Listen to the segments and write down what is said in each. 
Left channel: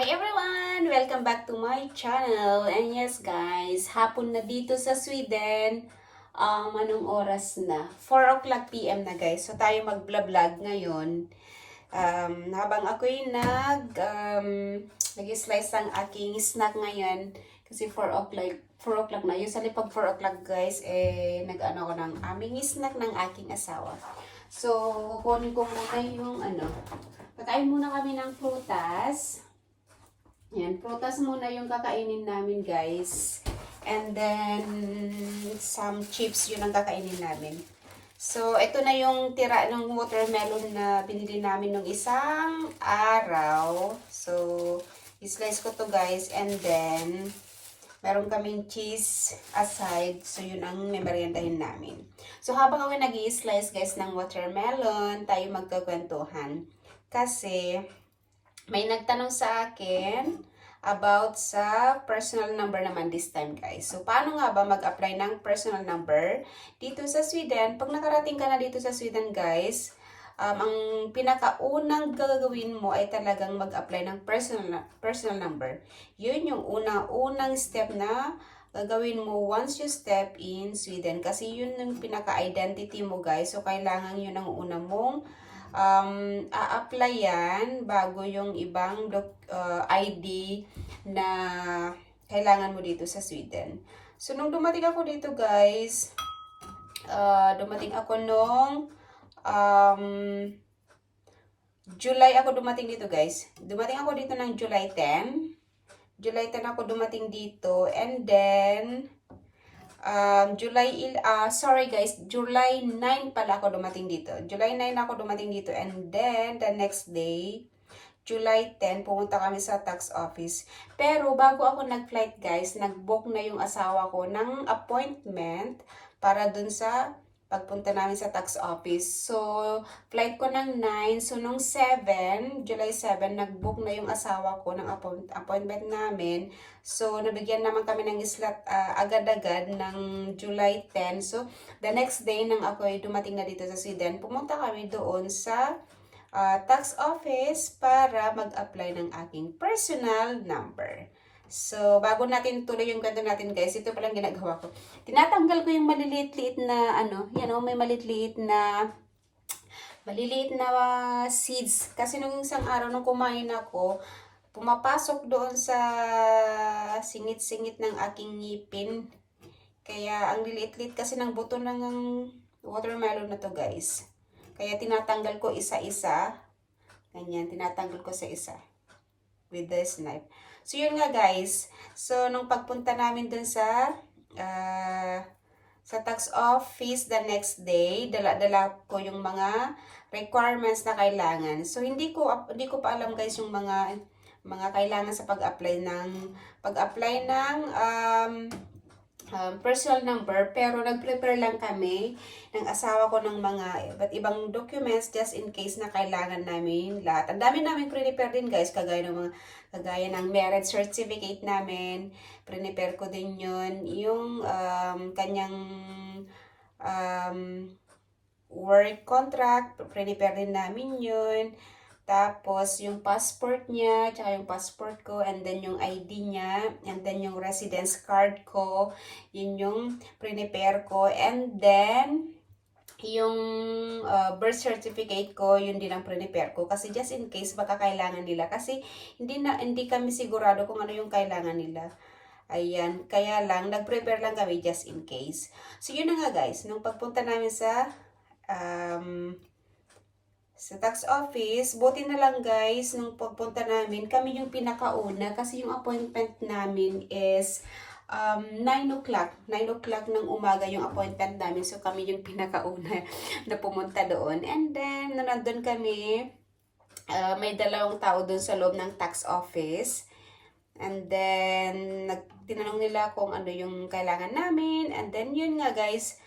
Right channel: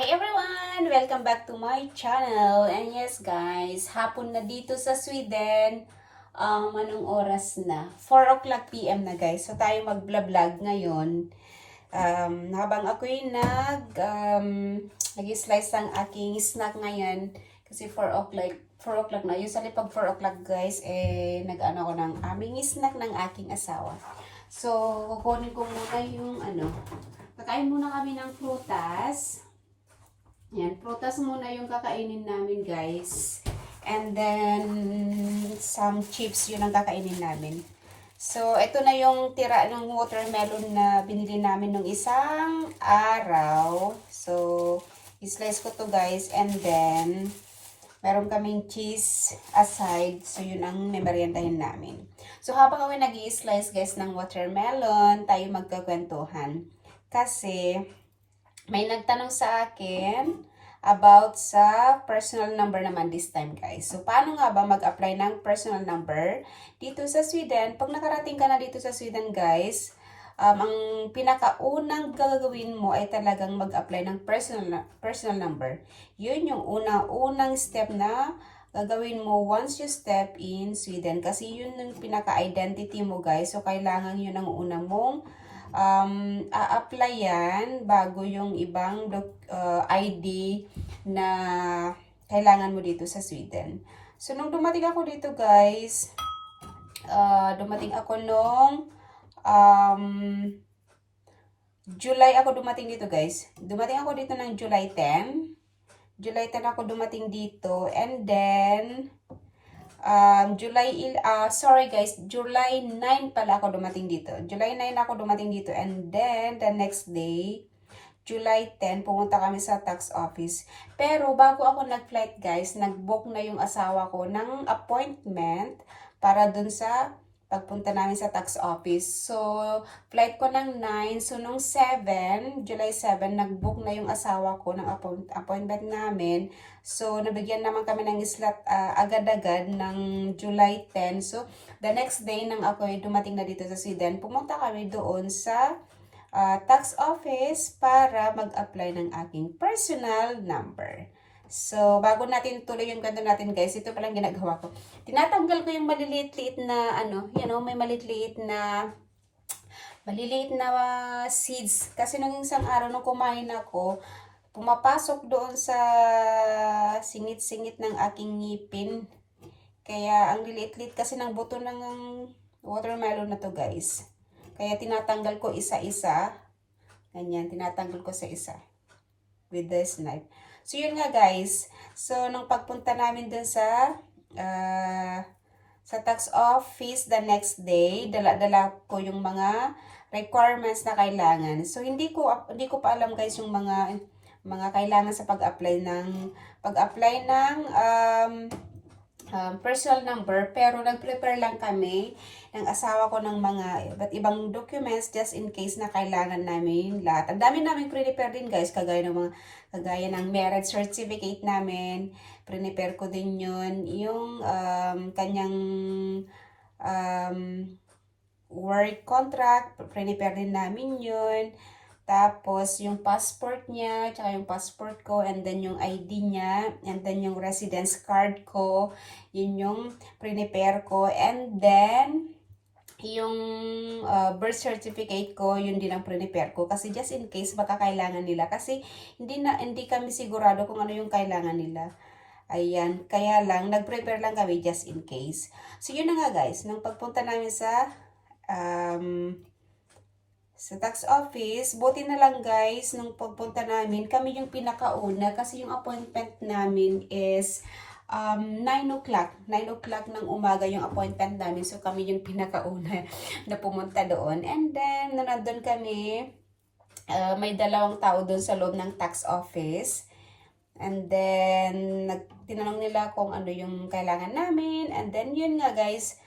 Hi everyone! Welcome back to my channel. And yes guys, hapon na dito sa Sweden. Anong oras na? 4 o'clock PM na guys. So tayo mag-vlog ngayon. Habang ako'y nag-slice ang aking snack ngayon. Kasi 4 o'clock na. Usually pag 4 o'clock guys, nag-ano ko ng aming snack ng aking asawa. So, kukunin ko muna yung kakain muna kami ng prutas. Yan, prutas muna yung kakainin namin, guys. And then, some chips yun ang kakainin namin. So, ito na yung tira ng watermelon na binili namin nung isang araw. So, i-slice ko to, guys. And then, meron kaming cheese aside. So, yun ang meriendahin namin. So, habang ako nag-i-slice, guys, ng watermelon, tayo magkakwentuhan. Kasi, may nagtanong sa akin about sa personal number naman this time, guys. So, paano nga ba mag-apply ng personal number dito sa Sweden? Pag nakarating ka na dito sa Sweden, guys, ang pinakaunang gagawin mo ay talagang mag-apply ng personal number. Yun yung unang step na gagawin mo once you step in Sweden. Kasi yun yung pinaka-identity mo, guys. So, kailangan yun ang una mong a-applyan bago yung ibang ID na kailangan mo dito sa Sweden. So, nung dumating ako dito, guys, dumating ako nung July ako dumating dito, guys. Dumating ako dito ng July 10. July 10 ako dumating dito. And then, July 9 pala ako dumating dito. July 9 ako dumating dito. And then, the next day, July 10, pumunta kami sa tax office. Pero, bago ako nag-flight, guys, nag-book na yung asawa ko ng appointment para dun sa pagpunta namin sa tax office. So, flight ko ng 9. So, nung 7, July 7, nag-book na yung asawa ko ng appointment namin. So, nabigyan naman kami ng slot agad-agad ng July 10. So, the next day nang ako ay dumating na dito sa Sweden, pumunta kami doon sa tax office para mag-apply ng aking personal number. So, bago natin tuloy yung kwento natin, guys, ito palang ginagawa ko. Tinatanggal ko yung maliliit-liit na, may maliliit na seeds. Kasi nung isang araw nung kumain ako, pumapasok doon sa singit-singit ng aking ngipin. Kaya, ang liliit-liit kasi ng buto ng watermelon na to, guys. Kaya, tinatanggal ko isa-isa. Ganyan, tinatanggal ko sa isa. With this knife. So, yun nga, guys. So, nung pagpunta namin dun sa tax office the next day, dala-dala ko yung mga requirements na kailangan. So, hindi ko pa alam, guys, yung mga kailangan sa pag-apply ng personal number, pero nag-prepare lang kami ng asawa ko ng mga iba't ibang documents just in case na kailangan namin lahat. Ang dami namin prepare din, guys, kagaya ng marriage certificate namin. Prepare ko din yun. Yung kanyang work contract, prepare din namin yun. Tapos, yung passport niya, tsaka yung passport ko, and then yung ID niya, and then yung residence card ko, yun yung prepare ko, and then, yung birth certificate ko, yun din ang prepare ko. Kasi just in case, baka kailangan nila. Kasi, hindi kami sigurado kung ano yung kailangan nila. Ayan, kaya lang, nag-prepare lang kami just in case. So, yun na nga, guys, nung pagpunta namin sa tax office, buti na lang, guys, nung pagpunta namin, kami yung pinakauna kasi yung appointment namin is 9 o'clock. 9 o'clock ng umaga yung appointment namin. So, kami yung pinakauna na pumunta doon. And then, nandun kami, may dalawang tao doon sa loob ng tax office. And then, tinanong nila kung ano yung kailangan namin. And then, yun nga, guys,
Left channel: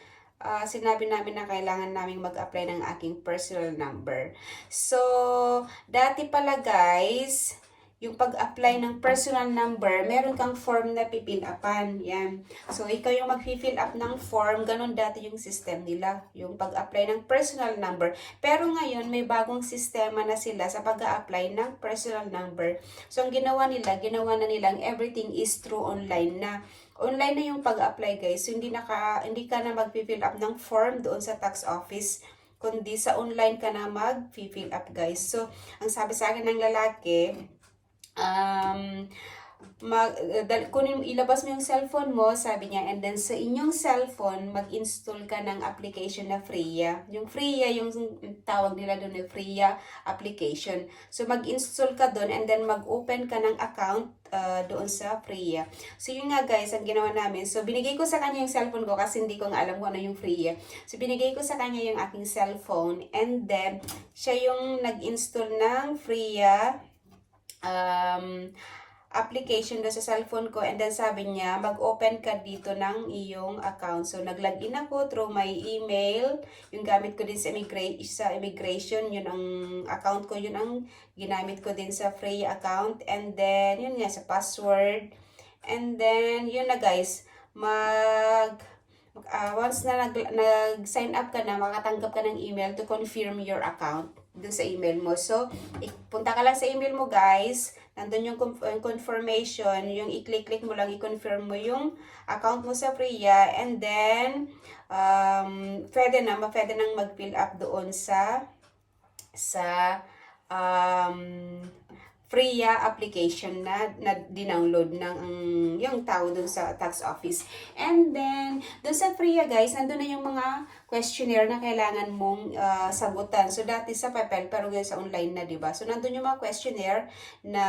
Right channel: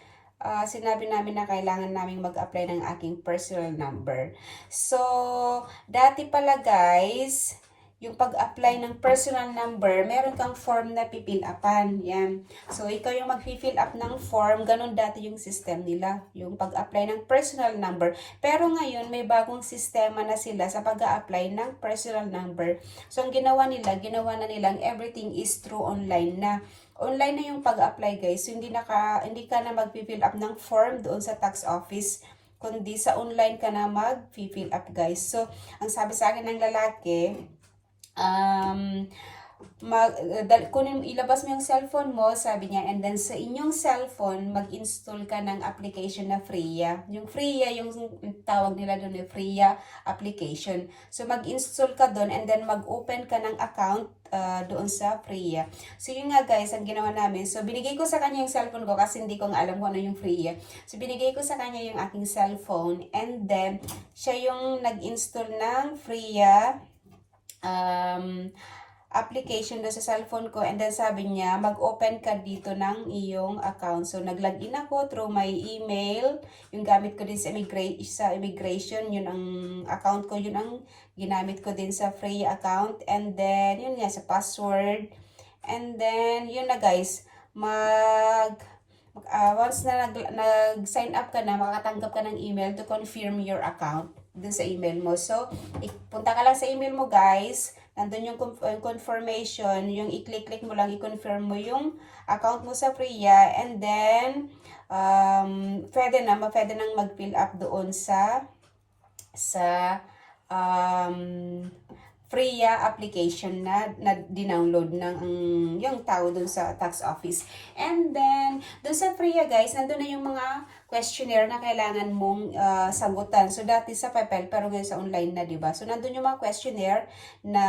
sinabi namin na kailangan namin mag-apply ng aking personal number. So, dati pala, guys, yung pag-apply ng personal number, meron kang form na pipil upan. Yan. So, ikaw yung mag-fill up ng form. Ganon dati yung system nila. Yung pag-apply ng personal number. Pero ngayon, may bagong sistema na sila sa pag-apply ng personal number. So, ang ginawa na nilang everything is through online na. Online na yung pag-apply guys. So, hindi ka na mag-fill up ng form doon sa tax office, kundi sa online ka na mag-fill up guys. So, ang sabi sa akin ng lalaki, ilabas mo yung cellphone mo, sabi niya, and then sa inyong cellphone, mag-install ka ng application na Freya. Yung Freya, yung tawag nila doon na Freya application. So, mag-install ka doon, and then mag-open ka ng account doon sa Freya. So, yun nga guys, ang ginawa namin. So, binigay ko sa kanya yung cellphone ko kasi hindi ko nga alam kung ano yung Freya. So, binigay ko sa kanya yung aking cellphone, and then, siya yung nag-install ng Freya application na sa cellphone ko, and then sabi niya mag-open ka dito ng iyong account. So nag-login ako through my email, yung gamit ko din sa immigration, yun ang account ko, yun ang ginamit ko din sa free account, and then yun nga sa password, and then yun na guys, once na nag-sign up ka na, makatanggap ka ng email to confirm your account dun sa email mo. So, punta ka lang sa email mo guys, nandun yung confirmation, yung i-click mo lang, i-confirm mo yung account mo sa Freya, and then, pwede nang mag-fill up doon sa Freya application na dinownload ng yung tao dun sa tax office. And then, dun sa Freya guys, nandun na yung mga questionnaire na kailangan mong sagutan. So, dati sa papel, pero ngayon sa online na, diba? So, nandun yung mga questionnaire na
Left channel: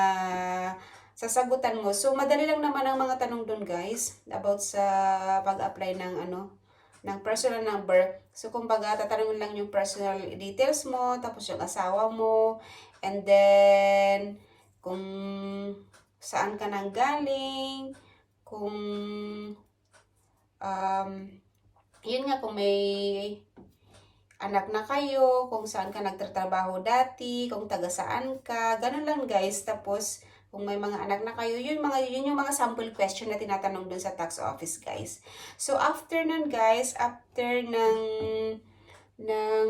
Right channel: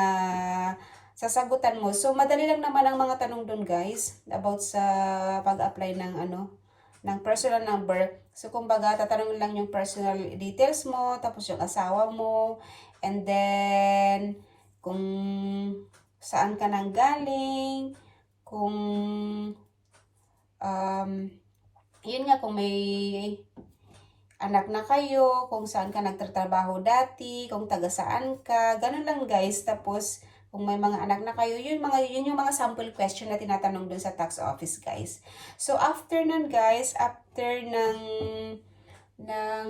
sasagutan mo. So, madali lang naman ang mga tanong dun guys, about sa pag-apply ng personal number. So, kumbaga, tatanungin lang yung personal details mo, tapos yung asawa mo, and then, kung saan ka nang galing, kung, yun nga, kung may anak na kayo, kung saan ka nagtatrabaho dati, kung taga saan ka, ganun lang guys. Tapos, kung may mga anak na kayo, yun yung mga sample question na tinatanong dun sa tax office guys. So, after nun guys, after ng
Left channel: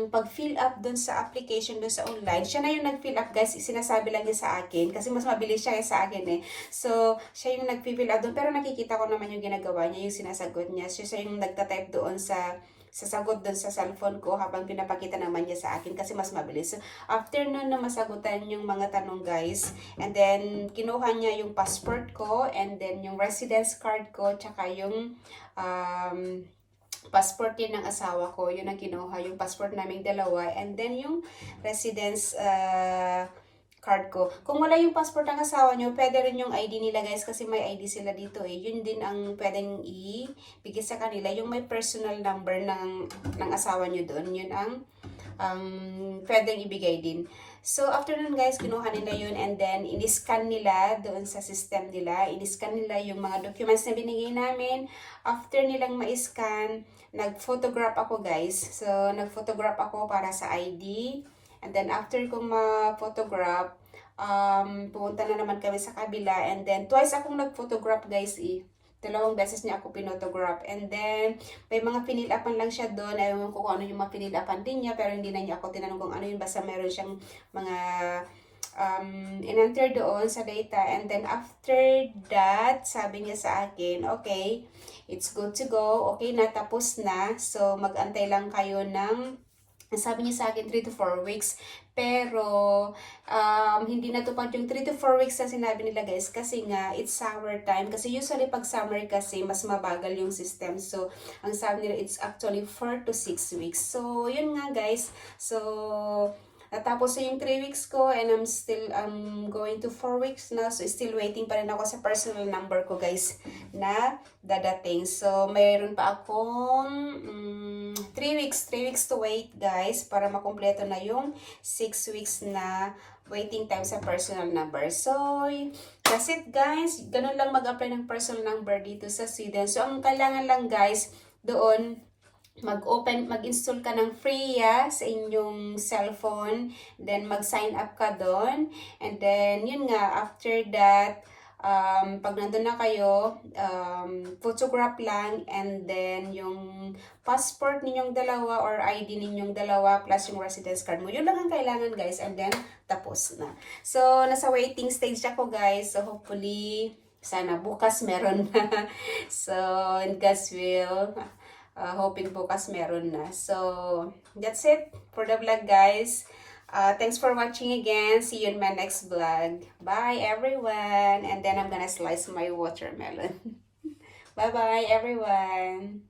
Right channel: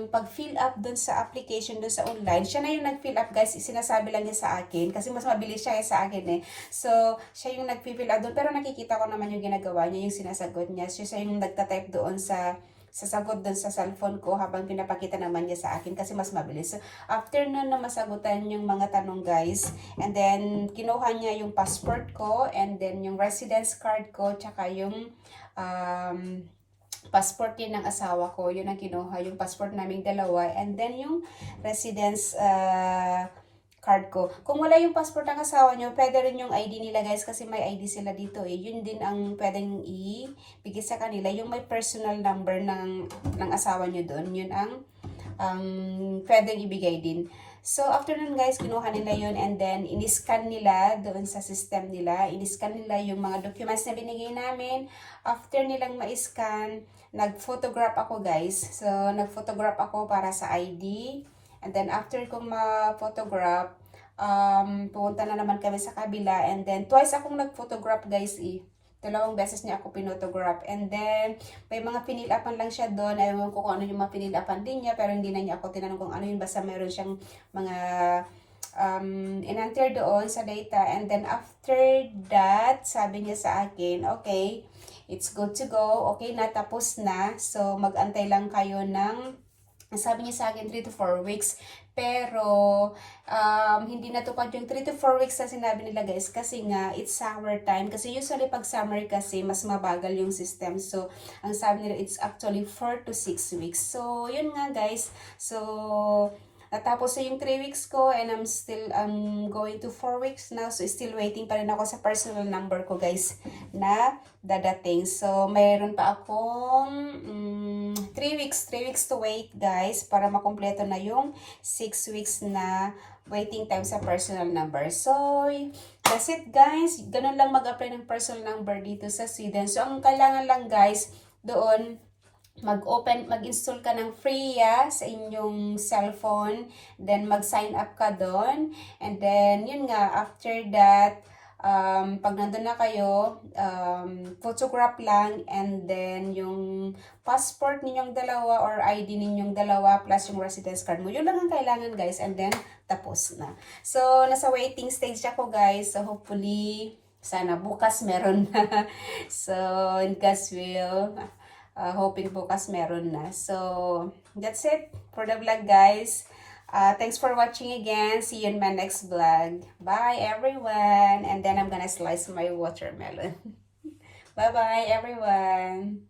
pag-fill up dun sa application dun sa online, siya na yung nag-fill up guys, sinasabi lang niya sa akin, kasi mas mabilis siya sa akin eh. So, siya yung nag-fill up dun, pero nakikita ko naman yung ginagawa niya, yung sinasagot niya. Siya yung nagtatype doon sa sagot doon sa cellphone ko habang pinapakita naman niya sa akin kasi mas mabilis. So, after nun na masagutan yung mga tanong guys, and then kinuha niya yung passport ko, and then yung residence card ko, tsaka yung passport din ng asawa ko, yun ang kinuha, yung passport naming dalawa, and then yung residence card ko. Kung wala yung passport ng asawa nyo, pwede rin yung ID nila guys, kasi may ID sila dito eh. Yun din ang pwedeng ibigay sa kanila, yung may personal number ng asawa nyo doon, yun ang pwedeng ibigay din. So, after nun guys, kinuha nila yun, and then in-scan nila doon sa system nila. In-scan nila yung mga documents na binigay namin. After nilang ma-scan, nag-photograph ako guys. So, nag-photograph ako para sa ID. And then, after kong ma-photograph, pumunta na naman kami sa kabila. And then, twice akong nag-photograph guys eh. 2 beses niya ako pinotograph. And then, may mga pinilapan lang siya doon. Ayaw ko kung ano yung mga pinilapan din niya. Pero hindi na niya ako tinanong kung ano yun. Basta meron siyang mga in-enter doon sa data. And then, after that, sabi niya sa akin, okay, it's good to go. Okay na, tapos na. So, mag-antay lang kayo ng, sabi niya sa akin, 3 to 4 weeks. Pero, hindi natupad yung 3 to 4 weeks na sinabi nila guys. Kasi nga, it's summer time. Kasi usually, pag summer kasi, mas mabagal yung system. So, ang sabi nila, it's actually 4 to 6 weeks. So, yun nga guys. So, natapos na yung 3 weeks ko, and I'm going to 4 weeks na. So, still waiting pa rin ako sa personal number ko guys na dadating. So, mayroon pa akong 3 weeks to wait guys para makumpleto na yung 6 weeks na waiting time sa personal number. So, that's it guys. Ganun lang mag-apply ng personal number dito sa Sweden. So, ang kailangan lang guys doon, mag-install ka ng FreeA sa inyong cellphone, then mag-sign up ka doon, and then, yun nga, after that, pag nandun na kayo, photograph lang, and then, yung passport ninyong dalawa, or ID ninyong dalawa, plus yung residence card mo, yun lang ang kailangan, guys, and then, tapos na. So, nasa waiting stage ako, guys, so hopefully, sana bukas meron na. So, in God's will, hoping bukas meron na. So, that's it for the vlog, guys. Thanks for watching again. See you in my next vlog. Bye, everyone. And then I'm gonna slice my watermelon. Bye-bye, everyone.